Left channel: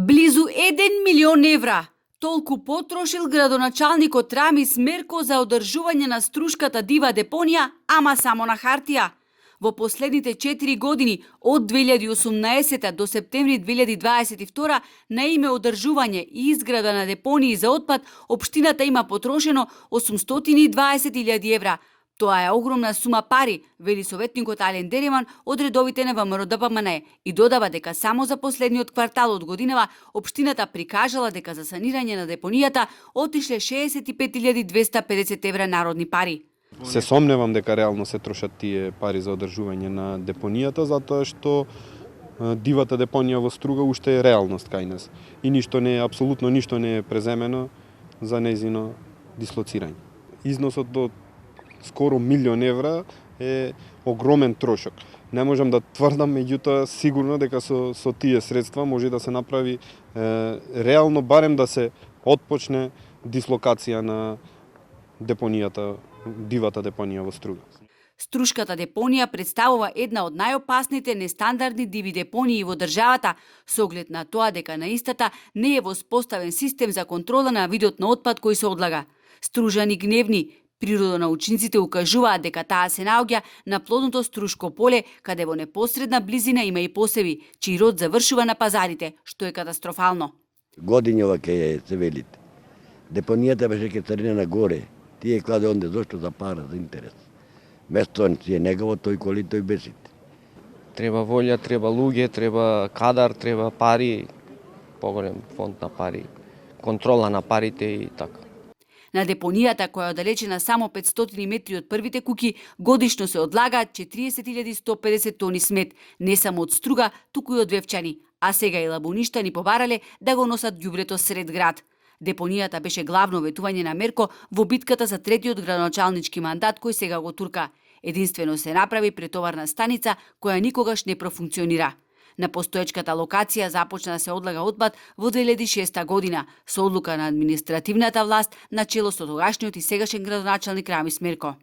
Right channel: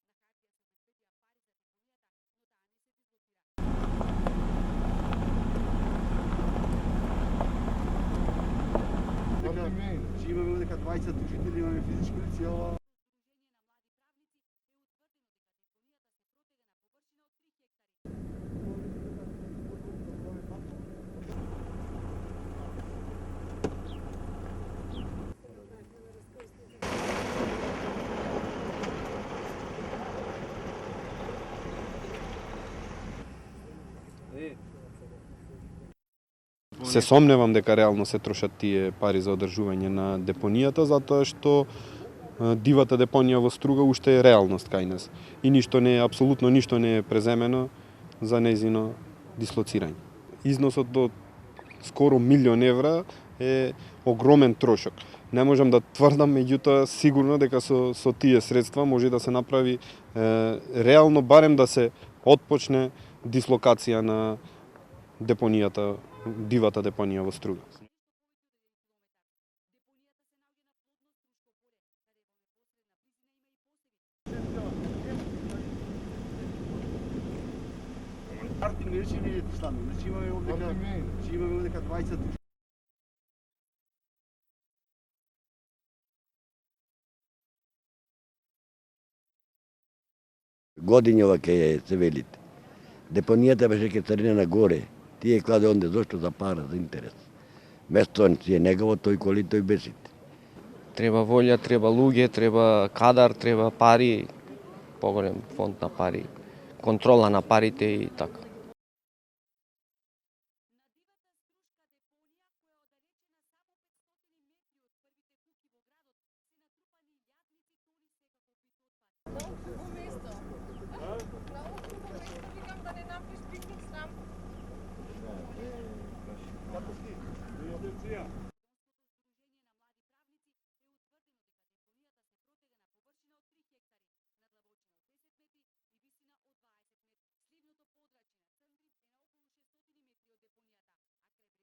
Близу 1 милион евра. Толку потрошил градоначалникот Рамис Мерко за одржување на Струшката дива депонија, ама само на хартија. Во последните 4 години, од 2018 до септември 2022, на име одржување и изграда на депонии за отпад, општината има потрошено 820.000 евра. Тоа е огромна сума пари, вели советникот Ален Дереман од редовите на ВМРО-ДПМН и додава дека само за последниот квартал од годинава општината прикажала дека за санирање на депонијата отишле 65.250 евра народни пари. Се сомневам дека реално се трошат тие пари за одржување на депонијата, затоа што дивата депонија во Струга уште е реалност кај нас и апсолутно ништо не е преземено за нејзино дислоцирање. Износот до скоро 1 милион евра е огромен трошок. Не можам да тврдам, меѓутоа сигурно дека со тие средства може да се направи реално, барем да се отпочне дислокација на депонијата, дивата депонија во Струга. Струшката депонија представува една од најопасните нестандардни диви депонии во државата, со оглед на тоа дека на истата не е воспоставен систем за контрола на видот на отпад кој се одлага. Стружани гневни, природонаучниците укажуваат дека таа се наоѓа на плодното Струшко поле, каде во непосредна близина има и посеви, чиј род завршува на пазарите, што е катастрофално. Години оваќе се велите. Депонијата беше ке црне на горе. Тие кладе онде зошто за пара, за интерес. Место си е негово, тој коли, тој бесите. Треба волја, треба луѓе, треба кадар, треба пари, поголем фонд на пари, контрола на парите и така. На депонијата, која е оддалечена само 500 метри од првите куќи, годишно се одлагаат 40.150 тони смет, не само од Струга, туку и од Вевчани, а сега и лабуништани побарале да го носат ѓубрето сред град. Депонијата беше главно ветување на Мерко во битката за третиот градоначалнички мандат кој сега го турка. Единствено се направи претоварна станица која никогаш не профункционира. На постоечката локација започна да се одлага отпад во 2006 година со одлука на административната власт на чело со тогашниот и сегашен градоначалник Рамис Мерко.